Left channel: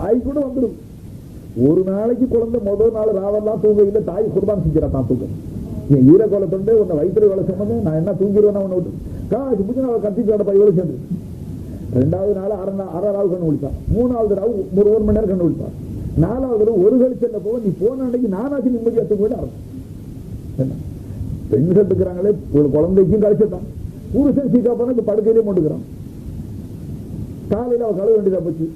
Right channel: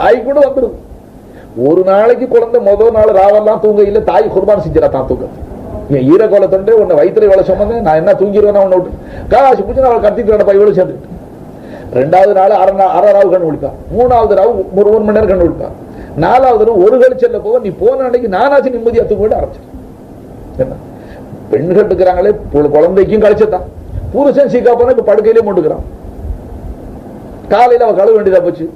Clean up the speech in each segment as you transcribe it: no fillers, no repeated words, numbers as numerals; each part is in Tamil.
தாய் கூட வந்துருது. ஒரு நாளைக்கு குழந்தை முதல் நாள் ராவெல்லாம் தூங்க இல்லை, தாய் குர்பான் செஞ்சிடா தான் தூங்க. என் ஈரக்கோலத்தொண்டே உன்னை வயிற்றுல வேலை சொன்னேன், நான் என்ன தூங்கிடுவேன் உன்னை விட்டு காசு பிடிச்சி அவளை கத்திட்டு நடப்பா இவ்வளவு சேர்ந்துக்கிட்டு. 2வது நாள் அரை ராவு கண்ணு விழிப்பான், 3வது ராவு 1 மணி நேரம் கண்ணு விழிப்பான், 4வது ராவு ஒரு கழிச்சல்ல போக நீ போன அன்னைக்கு நானாச்சும் நிம்மதியா தூங்க ஆரம்பிச்சேன். என்ன பெண்கள் இருக்கிறாங்களே குழந்தைக்கும் கழிச்சதான், புருஷன் சீக்கா போனா இப்ப படுக்கையிலே மூண்டுக்கிறான். காலையில அவ கழுவ வேண்டியதா போச்சு.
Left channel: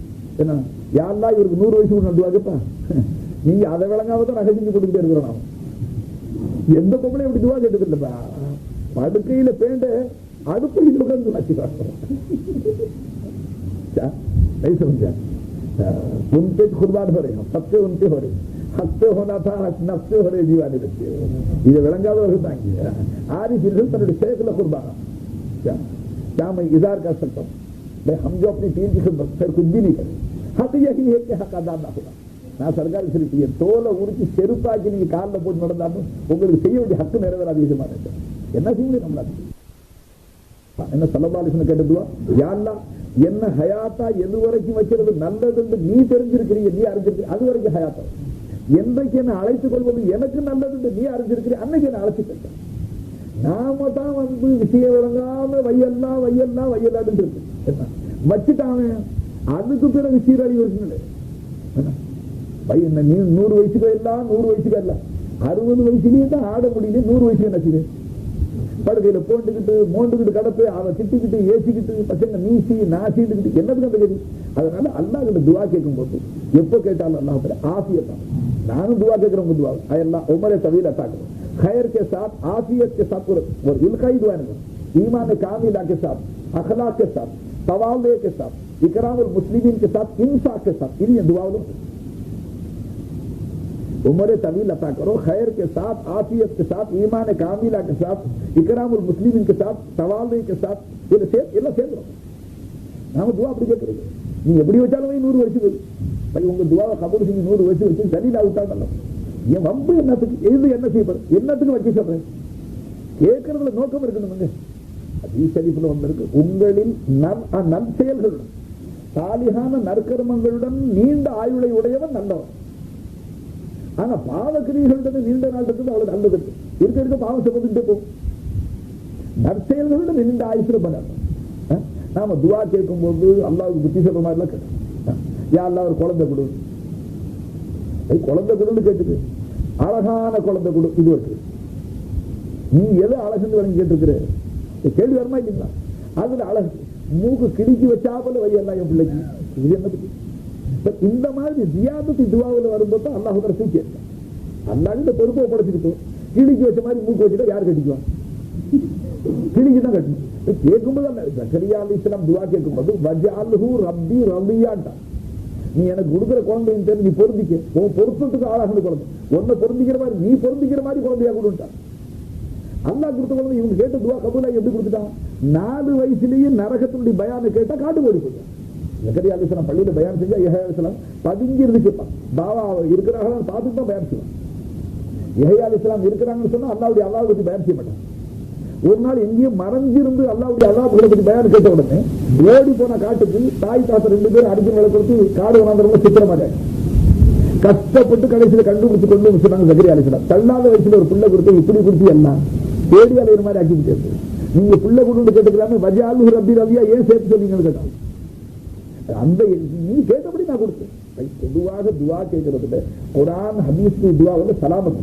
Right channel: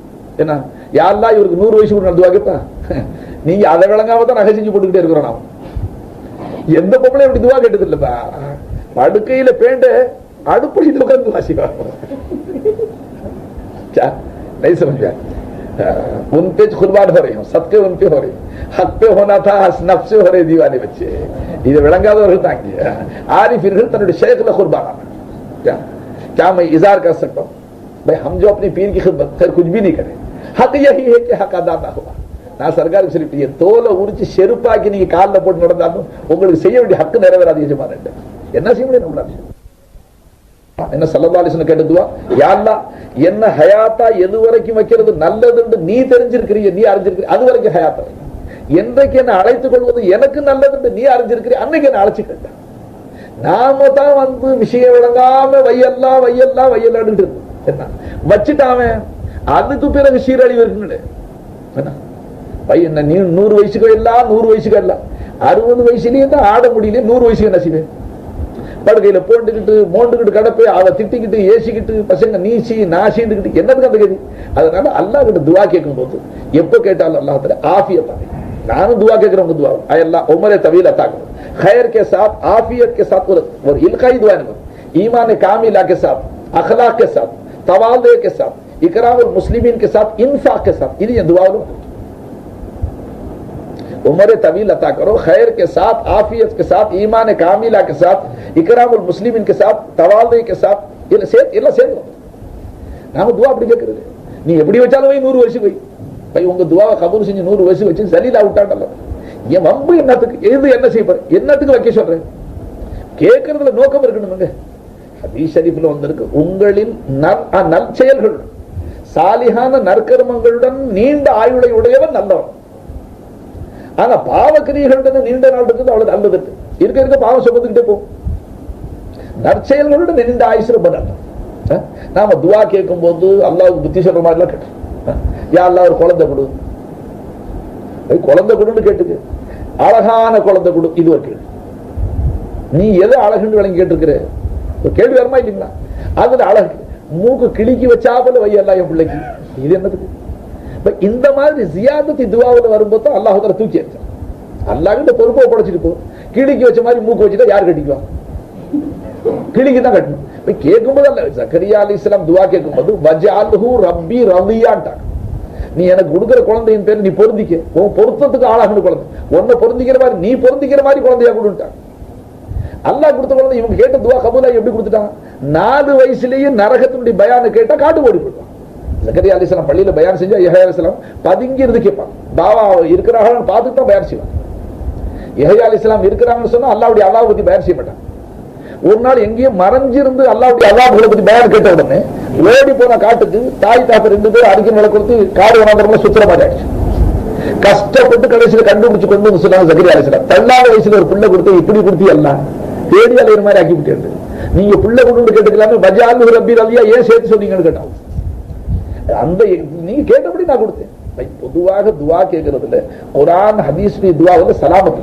என்ன யாரெல்லாம் இவருக்கு 100 வயசு கூட நடத்துவாங்கப்பா, நீங்க அதை விளங்காம தான் நகை செஞ்சு போட்டுக்கிட்டே இருக்கிறோம். நாம் எந்த பொம்பளையும் அப்படி துவா கேட்டது இல்லப்பா. படுக்கையில பேண்ட அடுப்படியில் உட்கார்ந்து வாசிப்பா. नहीं समझा, उन पे कुर्बान हो रही हूँ, सबके उन पे हो रही, हक पे होना था, नफ्स से हो रहे दीवाने बच्चे. இது விளங்காதவர்கள் தாங்க ஆரிஃபிர்கள் தன்னுடைய ஷேக்ல குர்பான் ஆனா क्या मैं इज़हार कर सकता हूँ भाई, हम जो अपने पीर की खिदमत फिर कुछ भी नहीं करें, हक यही है कि हक अदा ना हुआ. நான் சர்க்காருக்கு சொல்லிட்டு தோலை உரிச்சு செருப்பாக்கி நீங்க காலில் போட்டு நடந்தாலும் உங்களுக்கு செய்ய வேண்டிய ஹக்கு நிறைவேறாது எஜமான. என்ன செய்ய முடியும் நம்மளால? என்ன ஸல்லல்லாஹு அலைஹி வஸல்லம் கேட்டதுவா, யா அல்லாஹ் என்ன ஹயாத்தா எது வரைக்கும் வைக்கிறது நல்லதுன்னு நீ தெரிஞ்சிருக்கிறீ, நீ அறிஞ்சிருக்கிற, அது வரைக்கும் ஹயாத்தா. என்றைக்கு என்ன அழைத்துக் கொள்வது எனக்கு நல்லதுன்னு நீ அறிஞ்சிருக்கிறீ, அன்னைக்கு என்ன அழைச்சு கேட்ட. நாம தான் வந்து விஷயம் விளங்காம வையெல்லாம் வையெல்லாம் வையலாடு என்ன வச்சுட்டாம அதுக்கு பிறகு சீரழிவு இருக்குன்னு என்ன பையன். நீ 100 வயசுக்கு எல்லாம் 100 வயசுக்கு எல்லாம் 60 வயசுலயே தான் ஆட முடியல, 100 வயசுக்கு என்ன செய்வேன்? படுக்கையில போட்டுக்கிட்டு மோண்டுக்கிட்டு கடப்பை அதை திட்டிக்கிட்டு ஏசிக்கிட்டு பசங்க நீச்சி நாசிக்கிட்டு என்னதுக்கு அந்த கதி. அதனால அல்லாஹ் கிட்ட துவா கேட்கும் போது எப்ப கேட்டாலும் அல்லாஹ் தஆலா ஆஃபியத். நானும் துவா கேட்கிறவங்க துவா அல்லாஹ் உமரே தவீல் அத்தா கरो, खैर के साथ आफियत के साथ और इल्काई दुआ नहीं, ईमान कामिला के साथ, अखलाक के साथ, तवाज़ु के साथ, इकरामुल मुस्लिमीन के साथ, इंफाक के साथ, ये दुआ लो. उम्र तवील अता करो, खैर के साथ, आफियत के साथ, ईमान कामिला के साथ, इकरामुल मुस्लिमीन के साथ, तवाज़ु के साथ, ये சேரும். நாம துவா அப்படி கேட்கிறது. நீ எப்படி வச்சாலும் 100 வருஷம் போய் பை உங்க துவாவை கபூல் செஞ்சு 100 வருஷம் வச்சு சலீலா விட்டாண்டல்ல. என் வம்பு என்னத்துக்கு, எது என்ன செய்ய போற, என்னத்துக்கு வைக்க சொல்றேன்? கேட்கறதுல நோக்கம் இருக்கணுங்க. ஹதீஸ் ஷரீஃப்ல வந்திருக்கு, உங்களில் நல் செயல்கள் சாலிஹான நற்கர்மங்களுடன் நீண்ட ஆயுளை உடையவன் நல்லவன். ஆனா பாவக்கிரியர்களுடன் நீண்ட நாள் இருக்குது அவ்வளவு நல்லது இருக்க இருக்க பாவம் சுமந்துக்கிட்டே போகும். நற்செயல்களுடன் நீண்ட ஆயுசு ரொம்ப நல்லது. நாம துவா கேட்கும் போது அல்லாஹ்வுக்கு புத்தி சொல்ற மாதிரி எல்லாம் கேட்டோம். யா அல்லாஹ் ஒரு குழந்தை கொடு, குழந்தை கொடுன்னு கேட்டுக்கு, அழகான குழந்தை கொடு, இது ஒரு கேள்வி. நீ எது அழகுன்னு விளங்கி கேட்டிருக்கிற கேள்வி வருமா இல்லைங்களா? அதுல அழகு மூக்கு கிளிக்கி வச்சாப்பல வையெல்லாம் என் பிள்ளைக்கு, இது என்னதுக்கு? இந்த மாதிரி ஜியாதத்தி துவாவில் வரும்போது அல்லாஹ் தஆலா தூக்கி எடுத்தான். அல்லாஹ் கிட்ட பொறுப்பை படைச்சிட்டு போ. கிளிக்கு வச்ச மாதிரி மூக்கு வச்சுட்டா யார் கட்டிக்குவா? கிளிக்கு தான் கட்டணும். கேட்கும்போது அல்ல ஜக்கரியா அலைஹிஸ்ஸலாம் துவா கேட்கும்போது வஜஅல்ஹு ரப்பி ரதியான்ட்டாங்க. நீ எனக்கு கொடுக்கிற குழந்தையின் பேர் நீ பொருந்திக்க, உன் பொருத்தத்துக்கு ஆளாகணும் குழந்தை, உன்னை பொருந்திக்கிற மாதிரி நீ பொருந்திக்கிற மாதிரி குழந்தையா கொடுட்டாங்க. அல்லாஹ் கொடுத்த குழந்தை இவங்க கேட்ட துவா கபூலா எப்படி கொடுத்துட்டாங்க? 4 வயசுலயே நரகத்தினுடைய பயான கேட்டா காட்டு ஓடி போயிடுவான். ஜக்கரியா அலைஹிஸ்ஸலாம் பள்ளியில பயான் செஞ்சா யஹ்யா அலைஹிஸ்ஸலாம் பதுங்கி இருந்து கேட்பான். பாவா இருக்கிறாங்கன்னு பார்த்துட்டு தான் பயான் செய்வான். யஹ்யா அலைஹிஸ்ஸலாம் இருக்கிறாங்கன்னு சொன்னா அல்லாஹ்வுடைய அல்லாஹ் பத்தி பயான் செய்ய மாட்டான். ஒரு நாள் எங்கேயும் மறைஞ்சிருந்து அல்லாஹ்வுடைய அல்லாஹ்வை பத்தி பயான் கேட்ட உடனே ஓடி போன காட்டுக்கு தாய் தாப்ப 2 பேரும் அடிக்கல் விலை கொடுத்து காடு வனாந்தரமா சுத்துற மாதிரி ஆயிடுச்சு. கஷ்டப்பட்டு கடைசியில கண்டுபிடிச்சு கொண்டு வந்து சொன்னாங்க ஜக்கரியா அலைஹிஸ்ஸலாம். 13 வயசுல ஒரு பிள்ளை கொடுத்து இப்படி கொடுத்து எல்லாம் தேடி அலையிற மாதிரி ஆக்கி விட்டு, நீங்க பிள்ளை கொண்டு கேட்டுக்கலாமே வஜஅல்ஹு ரப்பி ரதியா ஏன் சேர்த்து சொன்னீங்கன்னு கேட்டாங்க. அந்த நீங்க கேட்டபடி நான் கொடுத்தேன். பொதுவாக துவா கேட்கறதுல குர்ஆன் ஹதீஸ் துவா வந்து சலாமத்.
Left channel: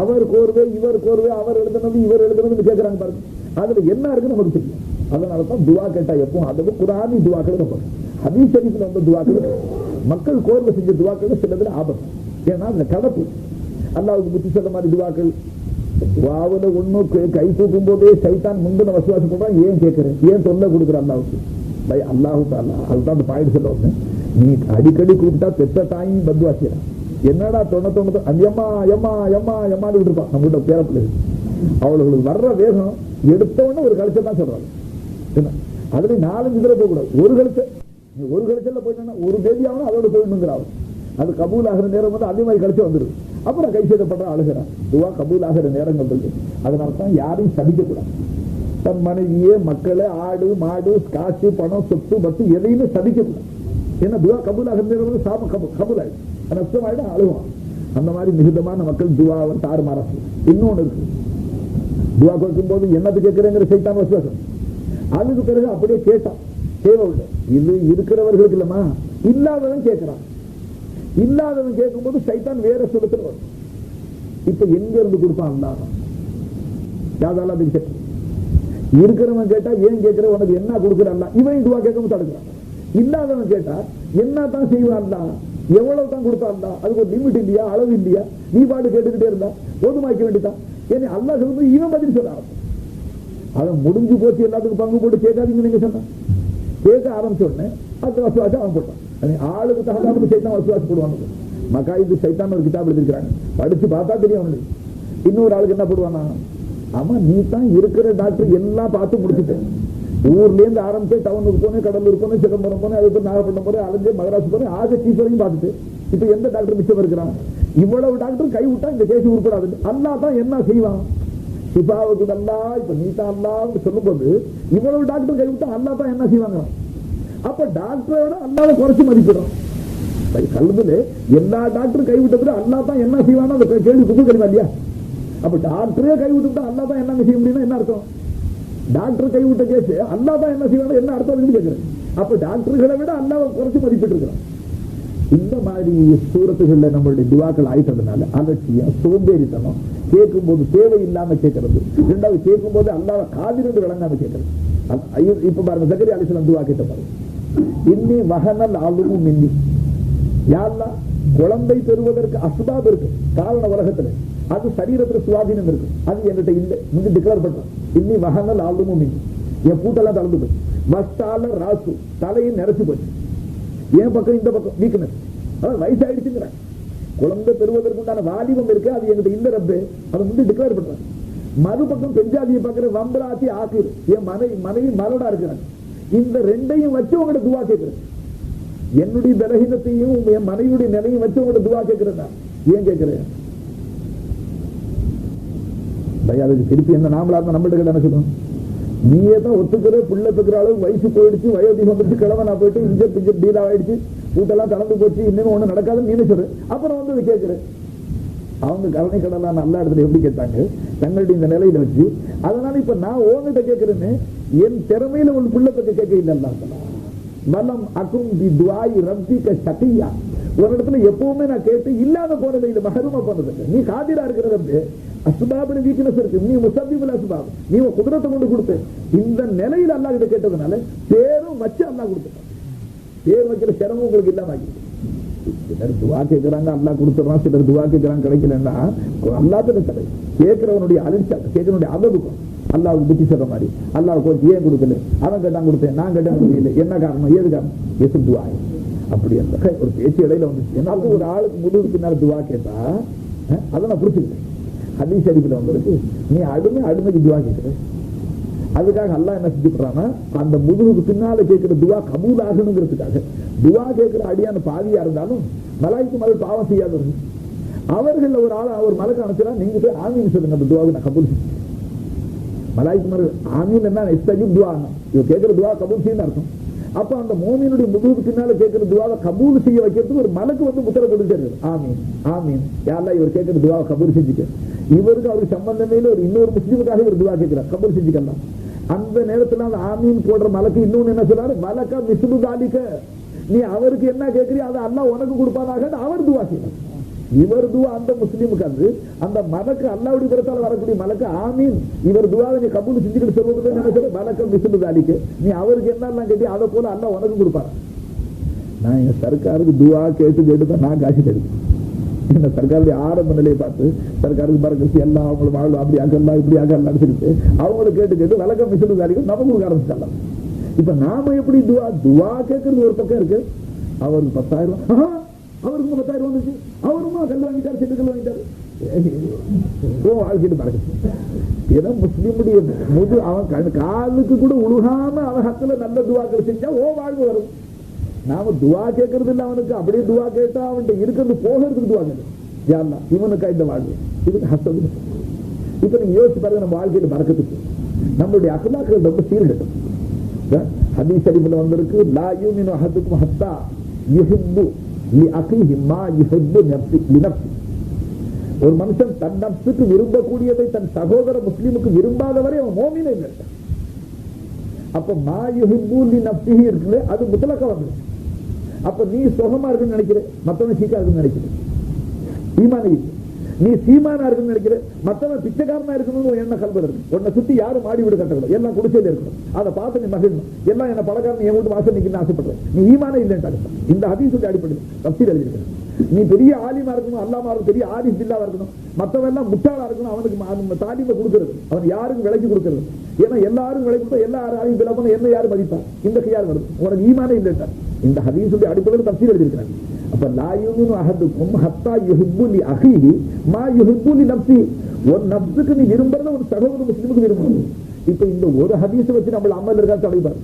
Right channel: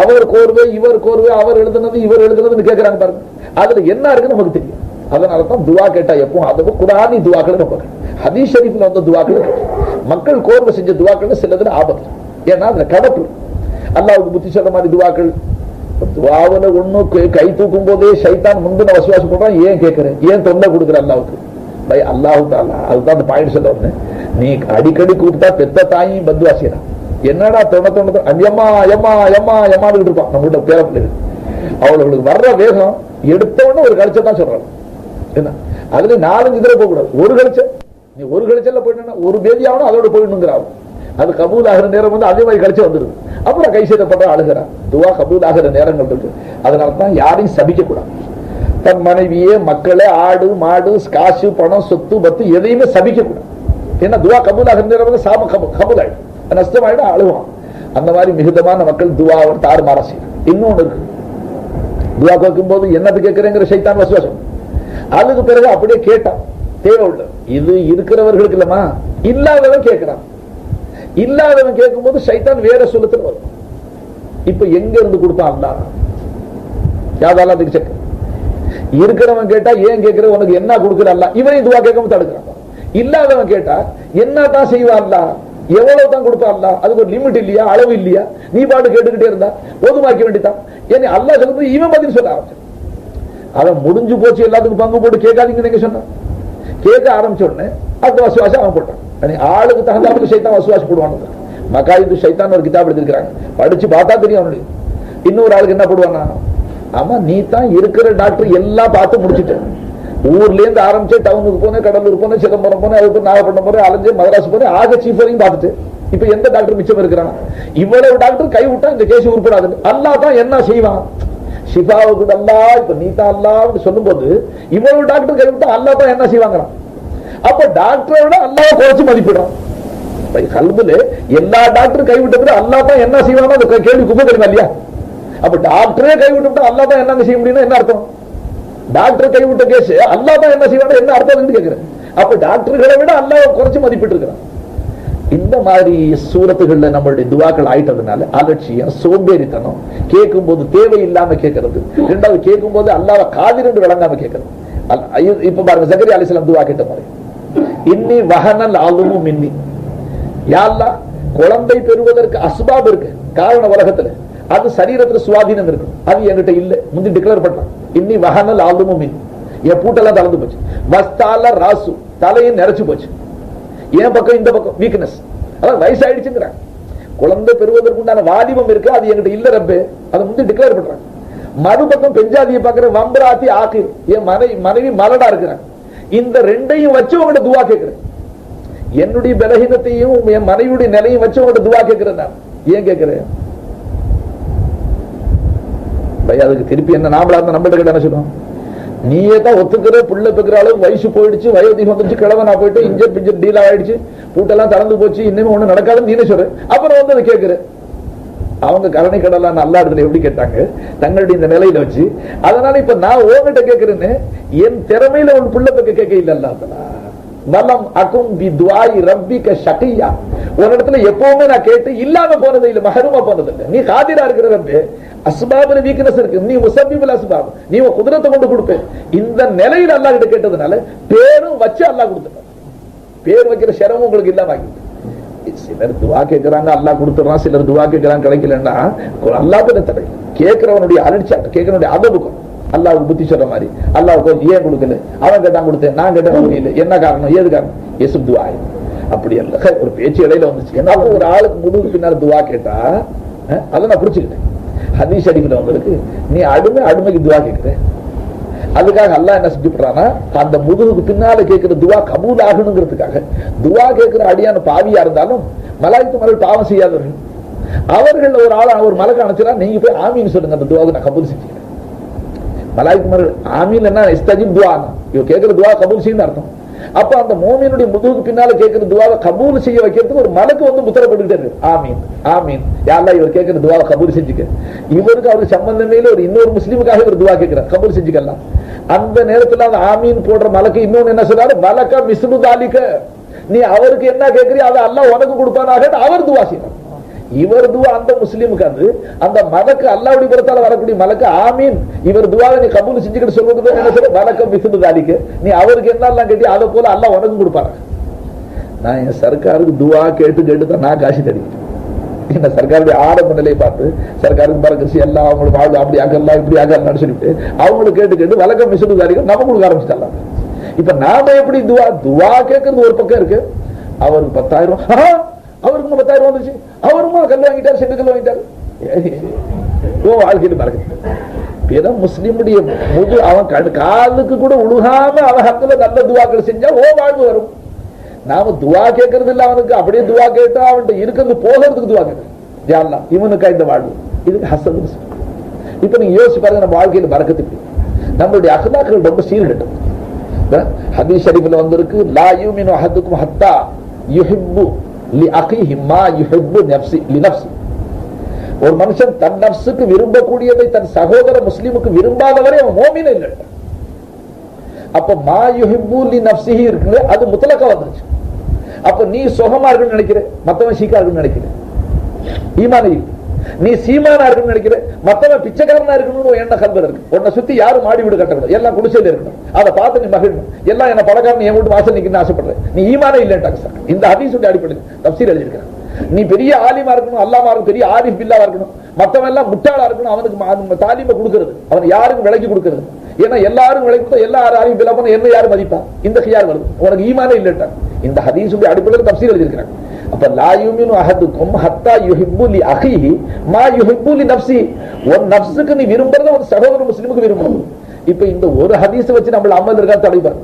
அவர் கோர்வை இவர் கோர்வை, அவர் எழுதுனது இவர் எழுதுனதுன்னு கேட்கறாங்க பாருங்க, அதுல என்ன இருக்குன்னு நமக்கு தெரியும். அதனால தான் துவா கேட்டா எப்போ அதுவும் குர்ஆனி துவாக்களை நம்ம ஹதீஸ் ஷரீஃப்ல வந்த துவாக்களை மக்கள் கோர்வை செஞ்ச துவாக்கள் சிலதுல ஆபத்து. ஏன்னா அதுல கடப்பு அல்லாஹ்வுக்கு புத்தி சொல்ற மாதிரி துவாக்கள். துவாவுல ஒண்ணு கை தூக்கும் போதே ஷைத்தான் முந்தின வசுவாசம் பண்றான். ஏன் கேட்கிறேன், ஏன் தொண்டை கொடுக்குற அல்லாஹ்வுக்கு? பை அல்லாஹு தஆலா அதுதான் அந்த பாயிண்ட் சொல்ல வந்தேன். நீ அடிக்கடி கூப்பிட்டா பெத்த தாயும் பத்வா செய்யறான். என்னடா தொண்ண அம்மா எம்மா எம்மா எம்மான்னு இருப்பான் நம்ம கிட்ட பேர பிள்ளைகள். அவளுக்கு வர்ற வேகம் எடுத்தவொடனே ஒரு கழிச்ச தான் சொல்றாங்க. என்ன அதுல 4-5 தடவை போக கூடாது. ஒரு கழிச்ச நீ ஒரு கழிச்சல்ல போயிட்டா ஒரு பேதி ஆகணும், அதோட போயிடணுங்கிறான். அது கபூல் ஆகிற நேரம் வந்து அதே மாதிரி கழிச்சு வந்துருது. அப்புறம் கை செய்யப்படுற அழுகிறான். துவா கபூல் ஆகிற நேரங்கள் இருக்கு. அதனால தான் யாரையும் சபிக்க கூடாது. தன் மனைவியே, மக்களே, ஆடு மாடு காசு பணம் சொத்து பத்து எதையுமே சபிக்க கூடாது. ஏன்னா துவா கபூலாக சாப கபூல் ஆயிடும், நஷ்டமாயிடும், அழுவான். அந்த மாதிரி மிகுதமான மக்கள் துவாவை தாறுமாற செய்யும். இன்னொன்னு இருக்கு, துவா கேட்கும் போது என்னது கேட்கிறேங்கிற சைத்தான் வசுவாசம். அதுக்கு பிறகு அப்படியே கேட்டான் தேவை உள்ள. இது இருக்கிறவர்களுக்கு இல்லமா, இல்லாதவன் கேட்கிறான். இல்லாதவன் கேட்கும் போது சைத்தான் வேற சொல்லத்துல வரும். இப்ப எங்க இருந்து கொடுத்தான் அல்லா? யாதால அதுக்கு செக். இருக்கிறவன் கேட்டா ஏன் கேட்கிற, உனக்கு என்ன கொடுக்குற அல்லா? இவனையும் துவா கேட்காம தடுக்கிறான். இல்லாதவன் கேட்டா என்ன தான் செய்வான் அல்லா? எவ்வளவு தான் கொடுப்பா அல்லா? அதுக்கு ஒரு லிமிட் இல்லையா, அளவு இல்லையா? நீ பாட்டு கேட்டுக்கிட்டே இருந்தா போதுமாக்க வேண்டியதான். ஏன்னா அல்லா சொல்லும்போது இவன் பதில் சொல்ல ஆரம்பிச்சான். அவன் முடிஞ்சு போச்சு, எல்லாத்துக்கும் பங்கு போட்டு கேட்காதீங்க நீங்க சொன்னான். கேட்க ஆரம்பிச்ச உடனே அடுத்த வசுவாசம் அவன் போட்டான். ஆளுக்கு தகுந்தாப்புக்கு சைத்தான் வசுவாசி போடுவான். மகாயிது சைத்தான் ஒரு கிதாப் எழுதிருக்காங்க, படிச்சு பார்த்தா தெரியும் அவனுடைய. இன்னொரு ஆளுக்கு என்ன போடுவானா, ஆமா நீ தான் இருக்கிற டாக்டர் எல்லாம் பார்த்து முடிச்சுட்ட, ஊர்ல இருந்து ஆரம்பிச்சு டவுனுக்கு போனேன், கடலூர் போனேன், சிதம்பரம் போனேன், அதுக்கு நாகப்பட்டினம் போனேன், அலைஞ்சு மதராஸ் போனேன், ஆக சீஃப் வரையும் பார்த்துட்டு இப்ப எந்த டாக்டர் மிச்சம் இருக்கிறான்? இவ்வளவு டாக்டர் கை விட்டா இந்த கேஸ் உருப்படாது. அல்லா தான் என்ன செய்வான்? ஷிஃபாவுக்கு அல்லா, இப்ப நீ தான் அல்லான்னு சொல்லும் போது இவ்வளவு டாக்டர் கை விட்டா அல்லா தான் என்ன செய்வாங்கிறான். அப்ப டாக்டரை விட அல்லாவை குறைச்சு மதிப்பிடுறான். கல்புல எல்லா டாக்டரும் கைவிட்டு அல்லா தான் என்ன செய்வாங்க அந்த கேள்வி குப்பை கழிவா இல்லையா? அப்ப டாக்டரே கைவிட்டு அல்லா தான் என்ன செய்ய முடியும்னா என்ன அர்த்தம்? டாக்டர் கைவிட்ட கேஸ் அல்லா தான் என்ன செய்வாங்க என்ன அர்த்தம் கேட்கிறேன். அப்ப டாக்டர்களை விட அல்லாவை குறைச்சு மதிப்பிட்டு இருக்கிறான். இந்த மாதிரி சூரத்துகள்ல நம்மளுடைய துவாக்கள் ஆயிட்டதுனால அலட்சியம், சோம்பேறித்தனம், கேட்கும் போது தேவையில்லாம கேட்கறது, இரண்டாவது கேட்கும் போது அல்லாவை காதிர் என்று விளங்காம கேட்கறது. இப்ப பாருங்க, ஜக்கரியா அலைஹிஸ்ஸலாம் துவா கேட்ட மாதிரி, இன்னி வஹனல் அலுமு மின்னி, யா அல்லாஹ் குழந்தை பெறுவதற்கு அஸ்பாப் இருக்கு, காரண உலகத்துல அது சரீரத்துல சுவாதீனம் இருக்கு, அது என்கிட்ட இல்ல. முந்தி டிக்ளேர் பண்றான், இன்னி வஹனல் அலுமு மின்னி, என் பூட்டெல்லாம் தளர்ந்து போச்சு, வஸ்தால ராசு, தலையும் நிறைச்சு போச்சு, என் பக்கம் இந்த பக்கம் வீக்னஸ், அதான் வயசாயிடுச்சுங்கிறான். குழந்தை பெறுவதற்கு உண்டான வாலிபம் இருக்கு, அது என்கிட்ட இல்ல ரப்பே, அதை முந்தி டிக்ளேர் பண்றான். மறுபக்கம் பெஞ்சாதியை பார்க்கிற வம்பராத்தி ஆக்கிர், என் மனைவி மலடா இருக்கிறான். இந்த ரெண்டையும் வச்சு உங்கள்ட்ட துவா கேட்கிறேன். என்னுடைய பலகீனத்தையும் என் மனைவியுடைய நிலையும் வச்சு உங்கள்ட்ட துவா கேட்கிறேன். நான் ஏன் கேட்கிறேன்? அதுக்கு திருப்பி என்ன நாமளா இருந்தா நம்மள்ட்ட என்ன சொல்லுவோம்? நீயே தான் ஒத்துக்கிற, புள்ள பெக்கிற அளவுக்கு வயசு போயிடுச்சு, வயோதிகம் வந்துருச்சு, கிழவனா போயிட்டு இன்ஜர் பிஞ்சர் டீல் ஆயிடுச்சு, பூட்டெல்லாம் திறந்து போச்சு, இன்னுமே ஒண்ணு நடக்காதுன்னு நீனே சொல்ற. அப்புறம் வந்து அதை கேட்கிற. அவங்க கருணை கடலாம் நல்ல இடத்துல எப்படி கேட்டாங்க? தங்களுடைய இந்த நிலையில வச்சு. அதனால இப்ப நான் உங்ககிட்ட கேட்கிறேன்னு என் திறமையில ஒன்று புள்ள பெக்க கேட்க இல்ல. வலம் அகும் பி துஆஇ ரப்பிக ஷகியா, ஒரு இடத்துல எப்பவுமே நான் கேட்டு இல்லாம போனது இல்ல, மஹரூமா போனது இல்ல. நீ காதிரா இருக்கிற ரப்பே, அஸ்பாபுல வீக்னஸ் இருக்கு, நீ முஸப்பிபுல் அஸ்பாப், நீ குதிரத்தை கொண்டு கொடுப்பே. இந்த நிலையில அல்லாஹ் கிட்ட கேட்டதுனால பேரும் வச்சு அல்லாஹ் கொடுத்துட்டான். பேர் வைக்கிற சிரமம் உங்களுக்கு இல்லாம ஆகிடுது. சிலர் துவா கேட்கிறாங்க அல்லாஹ் கொடுத்துறான், சிலர் துவா கேட்கிறாங்க கிடைக்கலன்னா அல்லாஹ் பேர தடை. கேட்கிறவனுடைய அலட்சியம், கேட்கிறவனுடைய அதவுக்கும் அல்லாஹ் புத்தி சொல்ற மாதிரி அல்லாஹ் ஏன் கொடுக்கல, அவன் கேட்டான் கொடுத்தேன், நான் கேட்டேன் இல்லை, என்ன காரணம், ஏது காரணம்? எசுப் துவா. அப்படி அல்ல, ஒரு பேச்சு இடையில வந்துச்சு. என்னால ஒரு ஆளுக்கு முதுகு பின்னால துவா கேட்டா அதை நான் புடிச்சுக்கிட்டேன். ஹதீஸ் ஷரீஃப்ல வந்திருக்கு, நீ அடிமைக்கு துவா கேட்கிற, அதுக்காக அல்லாஹ் என்ன செஞ்சுறான்னா அந்த முதுகுக்கு பின்னால கேட்கிற துவா கபூல் ஆகணுங்கிறதுக்காக துவா கேட்கிற அடியான பாவியா இருந்தாலும் மலாய்க்கு மலர் பாவம் செய்யாதவர்கள் அவர்கள் ஒரு ஆள் ஒரு மலக்கு அனுப்பிச்சா நீங்க போய் ஆமீன் சொல்லுங்க, அந்த துவாவை நான் கபூல் செஞ்சுக்கிறேன். மலாய்க்கு மலர் ஆமீன் என்ன இஸ்தஜிப் துவா, இவ கேட்கிற துவா கபூல் செய்யணும் அர்த்தம். அப்ப அந்த மோமினுடைய முதுகுக்கு பின்னால கேட்கிற துவாவை கபூல் செய்ய வைக்கிறதுக்கு ஒரு மலக்கு வந்து முத்திரப்பட்டுட்டே இருக்கு, ஆமீன் ஆமீன் யா அல்லாஹ் இவர் கேட்கிற துவாவை கபூல் செஞ்சுக்க. இவருக்கு அவருக்கு சம்பந்தமே இல்லை, ஒரு இன்னொரு முஸ்லீமுக்காக இவர் துவா கேட்கிறார், கபூல் செஞ்சுக்கலாம். அந்த நேரத்தில் அந்த ஆமீன் போடுற மலக்கு இன்னொன்னு என்ன சொல்றாரு, மலக்கா மிஸ்லு தாலிக, நீ அவருக்கு என்ன கேட்கறியோ அதை அல்லாஹ் உனக்கு கொடுப்பானாக அவர் துவா செய்யணும். இவர் துவா அந்த முஸ்லீமுக்கு அந்த மலக்கு அல்லாஹ்வுடைய புறத்தால வரக்கூடிய மலக்கு ஆமீன் இவர் துவாவை நீ கபூல் செஞ்சுக்கிட்டு சொல்றது என்ன சொல்ற, மலக்க மிஸ்லு தாலிக, நீ அவருக்கு என்னெல்லாம் கேட்டி அதை போல அல்லாஹ் உனக்கு கொடுப்பாரு. நான் என் சர்க்காருக்கு துவா கேட்டு தான் நான் காசு தடிக்கிறேன். என்ன சர்க்காருடைய ஆரம்ப நிலையை பார்த்து சர்க்காருக்கு பறக்கசி எல்லாம் அவங்களுக்கு வாழ்வு அப்படி ஆகலாம் இப்படி ஆகலாம்னு சொல்லிட்டு அவங்களுக்கு கேட்டு வழக்கம் மிசுதாரிகள் நம்ம கொடுக்க ஆரம்பிச்சிடலாம். இப்ப நாம எப்படி துவா கேட்கறது ஒரு பக்கம் இருக்கு, அவருக்கு 10,000 ரூபாய், அவருக்கு 10,000 ரூபாய் வந்துச்சு, அவருமா கல் வாங்கிட்டாரு, செண்டு கல் வாங்கிட்டாரு, ஓ வாழ்க்கையில பறக்க. பிற முஸ்லிமுடைய அவன் காலுக்கு கூட உழுகாம அவன் ஹத்துல நல்ல துவாக்கள் செஞ்சா ஓ வாழ்வு வரும். நாம துவா கேட்கறது இல்ல, அவனுக்கு அப்படியே துவா கேட்டா அவன்கிட்ட இருக்கிறது போகிறதுக்கு துவா கேட்கறது, யா அல்லாஹ் இவனுக்கா இந்த வாழ்வு, இதுக்கு ஹசன். இப்ப நீங்க யோசிச்சு பாருங்க, நம்ம வாழ்க்கையில பரக்கத்துக்கு நம்மளுடைய அக்லாக்கள் ரொம்ப சீர்கட்டும். ஹதீஸ் ஷரீஃப்ல வந்திருக்கு, லா யூமினு அஹதுக்கும் ஹத்தா யுஹிப்பு லி அகிஹி மா யுஹிப்பு நஃப்ஸி லி நஃப்ஸி. ஒரு மனுஷன் தன் நஃப்ஸுக்கு விரும்பக்கூடியதை தன் சகோதர முஸ்லிமுக்கு விரும்பாதவரை அவன் மோமினே இல்லை. அப்ப மா யுஹிப்பு லி நஃப்ஸிஹி இருக்குல்ல, அது முத்தலக்கா வந்துருச்சு. அப்ப நீ சுகமா இருக்குன்னு நினைக்கிற, மத்தவன் சீக்கா இருக்குன்னு நினைக்கிற, ஈமானே இல்லை. நீ சீமானா இருக்குன்னு நினைக்கிற, மத்தவன் பிச்சைக்காரனா இருக்கணும்னு என்ன கல்வர் இருக்கு. உன்னை சுத்தி யாரும் மாடி வீடு கட்டக்கூடாது, எல்லாம் குடிசையில இருக்கணும். அதை பார்த்து நீ மகிழணும். எல்லாம் என்ன பணக்காரன் என் வீட்டு வாசல் நிக்கணும்னு ஆசைப்படுறேன். நீ ஈமானே இல்லைன்ட்டாங்க சார். இந்த ஹதீஸுடைய அடிப்படையில் தப்சீர் எழுதியிருக்கிறான். நீ பெரிய ஆலிமா இருக்கணும், அல்லாமா இருக்கணும், பெரிய ஆரிஃப் பில்லாவா இருக்கணும், மத்தவன் எல்லாம் முட்டாளா இருக்கணும். அவனுக்கு தாலிமை கொடுக்கிறது, அவன் யாருக்கும் விலைக்கு கொடுக்கிறது. ஏன்னா எல்லாரும் விலை கொடுத்தா எல்லாரும் ஆரிஃப் பில்லா பண்ண என்ன யாரும் மதிப்பா? இந்த கியார் வருது. உனக்கு ஈமானே இல்லைன்ட்டாங்க. இந்த ஹதீஸுடைய அடிப்படையில் தப்சீர் எழுதியிருக்கிறாங்க. அப்ப லா யுமினு அஹதுக்கும் ஹத்தா யுஹிப்பு லி அஹீஹி மா யுஹிப்பு லி நஃப்ஸி. ஒரு நஃப்ஸுக்கு நீ விரும்பறத ஒரு சகோதர முஸ்லிமுக்கு விரும்பணும். இப்ப இந்த ஒரு ஹதீஸ் வச்சு நம்ம அமல் இருக்கா தடைபாரு.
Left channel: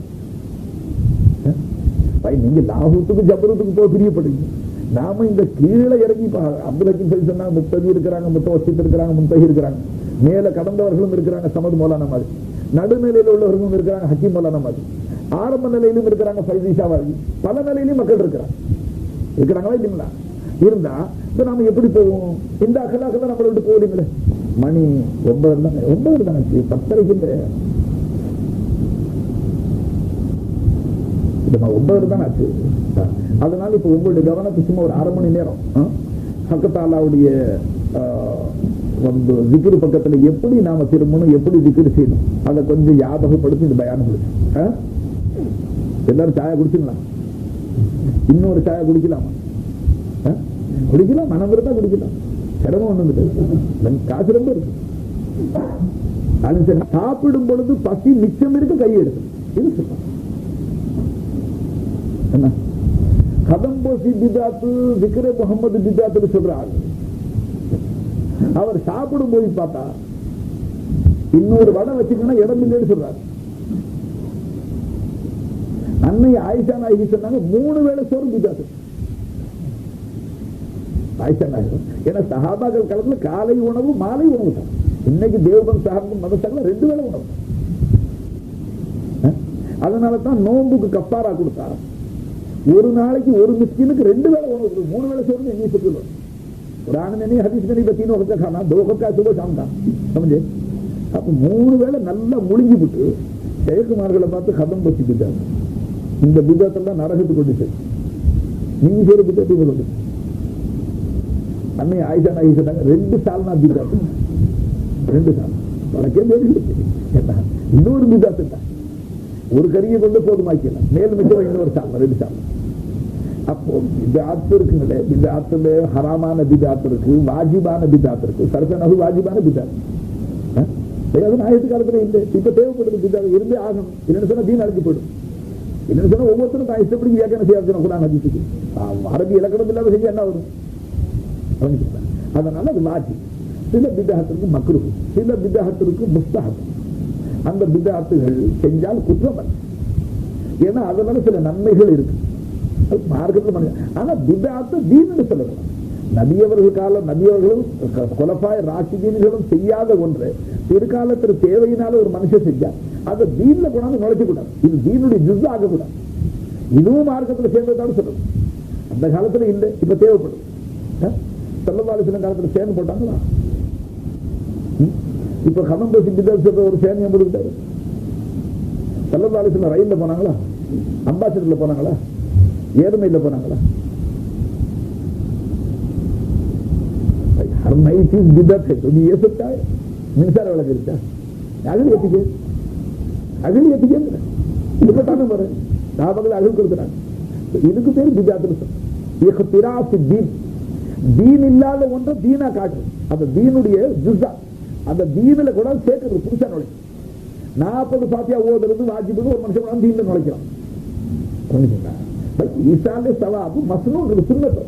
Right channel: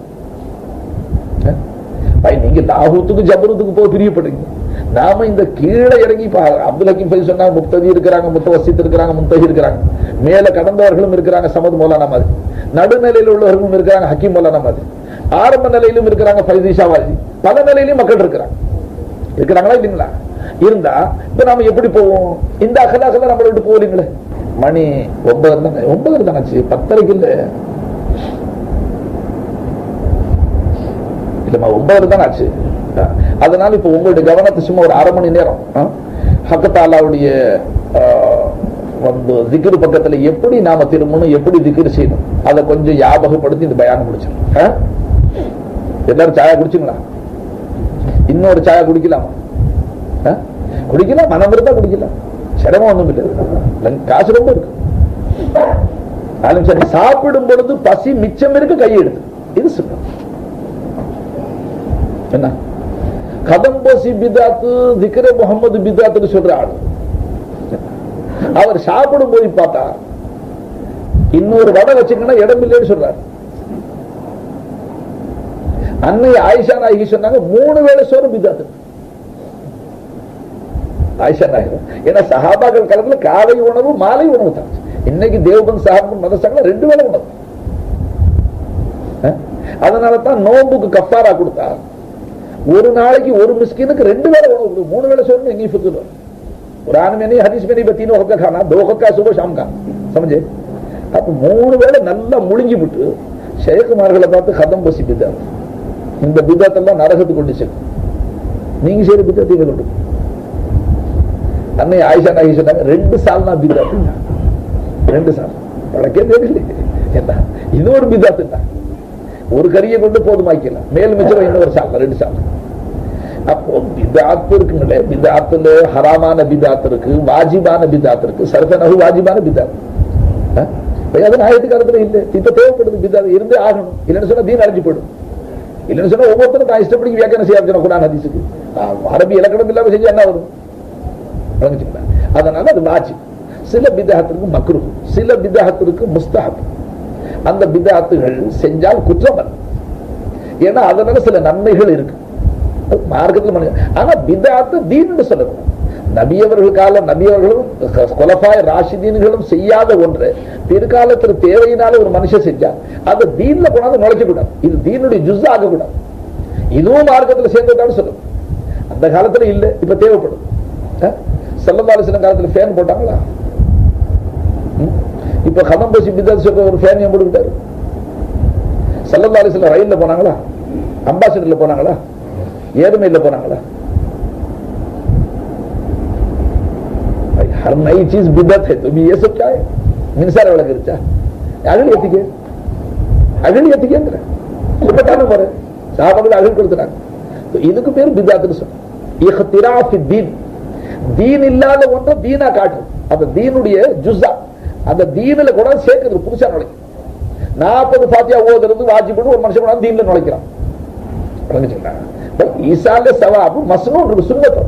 நீங்க லாஹூத்துக்கு ஜபருத்துக்கு போய் பிரியப்படுறீங்க. நாம இந்த கீழே இறங்கி அப்துல் ஹக்கீம் ஃபைஸ் சொன்னாங்க, முக்ததி இருக்கிறாங்க, முத்தவசித் இருக்கிறாங்க, முன்தஹி இருக்கிறாங்க, மேல கடந்தவர்களும் இருக்கிறாங்க சமது மௌலானா மாதிரி, நடுநிலையில் உள்ளவர்களும் இருக்கிறாங்க ஹக்கீம் மௌலானா மாதிரி, ஆரம்ப நிலையிலும் இருக்கிறாங்க ஃபைசி ஷாவாஜி, பல நிலையிலும் மக்கள் இருக்கிறாங்க. இருக்கிறாங்களா இல்லைங்களா? இருந்தா இப்ப நாம எப்படி போவோம்? இந்த அகலாகல நம்மளை விட்டு போவீங்களே. மணி 9 தானே, 10:30 இல்ல, இல்லம்மா 9 தான் ஆச்சு. அதனால இப்ப உங்களுடைய கவனத்தை சும்மா ஒரு அரை மணி நேரம் ஹக்கத்தாலாவுடைய வந்து திக்ரு பக்கத்துல எப்படி நாம திரும்பணும், எப்படி திக்ரு செய்யணும், அதை கொஞ்சம் ஞாபகப்படுத்தி இந்த பயானம் முடிச்சிடும். எல்லாரும் சாயா குடிச்சுங்களா? இன்னொரு சாயா குடிக்கலாமா? குடிக்கலாம், மனம் இருந்தா குடிக்கலாம், சிரமம் ஒண்ணும் இல்லை, காசு ரொம்ப இருக்கு. சரி, சாப்பிடும் பொழுது பசி மிச்சம் இருக்கு, கையை எடுத்து இது சொல்ற என்ன கதம்போசி பிதாத்து திக்ர முகமது பிதாத்துன்னு சொல்ற ஆளு. அவர் சாப்பிடும் போது பார்த்தா இன்னொரு வடை வச்சுக்கணும் இடம் இல்லைன்னு சொல்றாரு. அன்னை ஆயிஷா நாயகி சொன்னாங்க 3 வேளை சோறு பிதாத்து. ஆயிஷா நாயகி ஏன்னா சஹாபாக்கள் காலத்துல காலை உணவு மாலை உணவு தான். இன்னைக்கு தேவபந்த் சாஹிப் மதரசாக்கள் 2 வேளை உணவு. அதனால தான் நோம்புக்கு கஃபாரா கொடுத்தா ஒரு நாளைக்கு ஒரு மிஸ்கினுக்கு 2 வேளை உணவு, 3 வேளை சோறு எங்கேயும் ஃபிக்ர் வரும். कुरान में नहीं, हदीस में नहीं, 3 वक्त का खाना, 2 वक्त का सुबह शाम का, समझे? அப்ப 3 வேளை நல்லா முழுங்கி விட்டு ஷேக்குமார்களை பார்த்து கதம் பசி பிதாத், இந்த பிதாத் எல்லாம் நரகத்துக்கு கொண்டு செல்லும், நீங்க செய்யற பிதாத் இங்க கொண்டு. அன்னை ஆயிஷா நாயகி சொன்னாங்க 2 சால் நான் பிதாத், 2 சால் பழக்கே தெரியல என்ன, இது ஒரு பிதாத் தான். ஒரு கறியை கொண்டு போதுமாக்கலாம், மேல் மிச்சம் இன்னொரு சால், 2 சால். அப்போ பிதாத் இருக்குங்களே, பிதாத்துல ஹராமான பிதாத் இருக்கு, வாஜிபான பிதாத் இருக்கு, சர்ஃபனஹு வாஜிபான பிதாத். அது நாயத்து காலத்துல இல்லை, இப்ப தேவைப்படுது பிதாத், இருந்தே ஆகணும். இல்லைன்னு சொன்னா தீன் அழிஞ்சு போயிடும். இல்லைன்னு சொன்னா ஒவ்வொருத்தரும் தான் இஷ்டப்படி வியாக்கியானம் செய்ய குர்ஆன் ஹதீஸுக்கு. அரபி இலக்கணம் இல்லாம செஞ்சு என்ன வரும்? அதனால அது வாஜிப். சில பிதாத்திற்கு மக்ரூஹ், சில பிதாத்திற்கு முஸ்தஹப். அந்த பிதாத்துகள் செஞ்சால் குற்றம் அல்ல, ஏன்னா அதனால சில நன்மைகள் இருக்கு மார்க்கத்தில். ஆனா பிதாத்து தீன்னு சொல்லக்கூடாது. நபியவர்கள் கால நபியவர்களும் குலஃபாய் ராஷிதீன்களும் செய்யாத ஒன்று பிற்காலத்தில் தேவையினால ஒரு மனுஷன் செஞ்சா அதை தீன்ல கொண்டாந்து நுழைக்க கூடாது. இது தீனுடைய ஜுஸ் ஆகக்கூடாது. இதுவும் மார்க்கத்தில் சேர்ந்ததான்னு சொல்லணும். அந்த காலத்துல இல்ல, இப்ப தேவைப்படும். ஸல்லல்லாஹு அலைஹி வஸல்லம் காலத்துல ஃபேன் போட்டாங்களா? இப்ப கதம் பேசி பிதாத் சொல்ற ஒரு ஃபேன் ஏன் போட்டுக்கிட்டாரு? ஸல்லல்லாஹு அலைஹி வஸல்லம் ரயில்ல போனாங்களா? அம்பாசிடர்ல போனாங்களா? ஏர்மையில போனாங்களா? हर नई चीज बिदत है, तो भी ये सब क्या है? मिनसार वाला करता अगली எத்திக்கேங்கிற சுபத்தான முறை சஹாபாக்கள் அகல் கொடுத்துறாங்க. இதுக்கு பேர் பிதாத்னு சொல்றோம். இஹ்திராஃபி தீன், தீன் இல்லாத ஒன்றை தீனா காட்டும். அந்த தீனுடைய ஜுஸா, அந்த தீனில கூட சேர்க்கிறது, புதுசா நுழைக்கும். 40 ஃபாத்தியா ஓதுறது வாஜிப்னு ஒரு மனுஷன் கூட தீன்ல நுழைக்கிறான். ஈசால சவாபு மஸ்னூன் இருக்கு, சுன்னத்.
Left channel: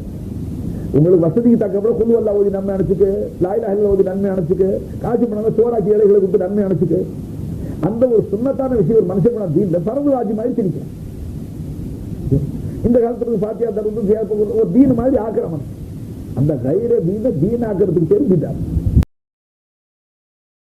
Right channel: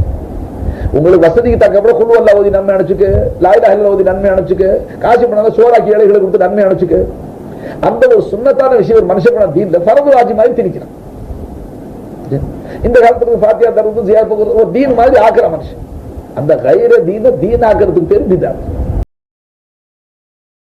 உங்களுக்கு வசதிக்கு தக்கப்புற குல் வல்லாஹ் ஓதி நன்மை அனுப்பிச்சுக்க, லா இலாஹ இல்லல்லாஹ் ஓதி நன்மை அனுப்பிச்சுக்க, காசு பண்ணாத சோறாக்கி ஏழைகளை கொடுத்து நன்மை அனுப்பிச்சுக்க. அந்த ஒரு சுன்னத்தான விஷயம் ஒரு மனுஷன் கூட தீன்ல ஃபர்து வாஜிப் மாதிரி திணிக்கிறான். இந்த காலத்துக்கு ஃபாத்தியா தர்றது ஜியாரத் ஒரு தீன் மாதிரி ஆக்குற மனுஷன். அந்த கைர தீன தீன் ஆக்குறதுக்கு பேர் பிதாத்.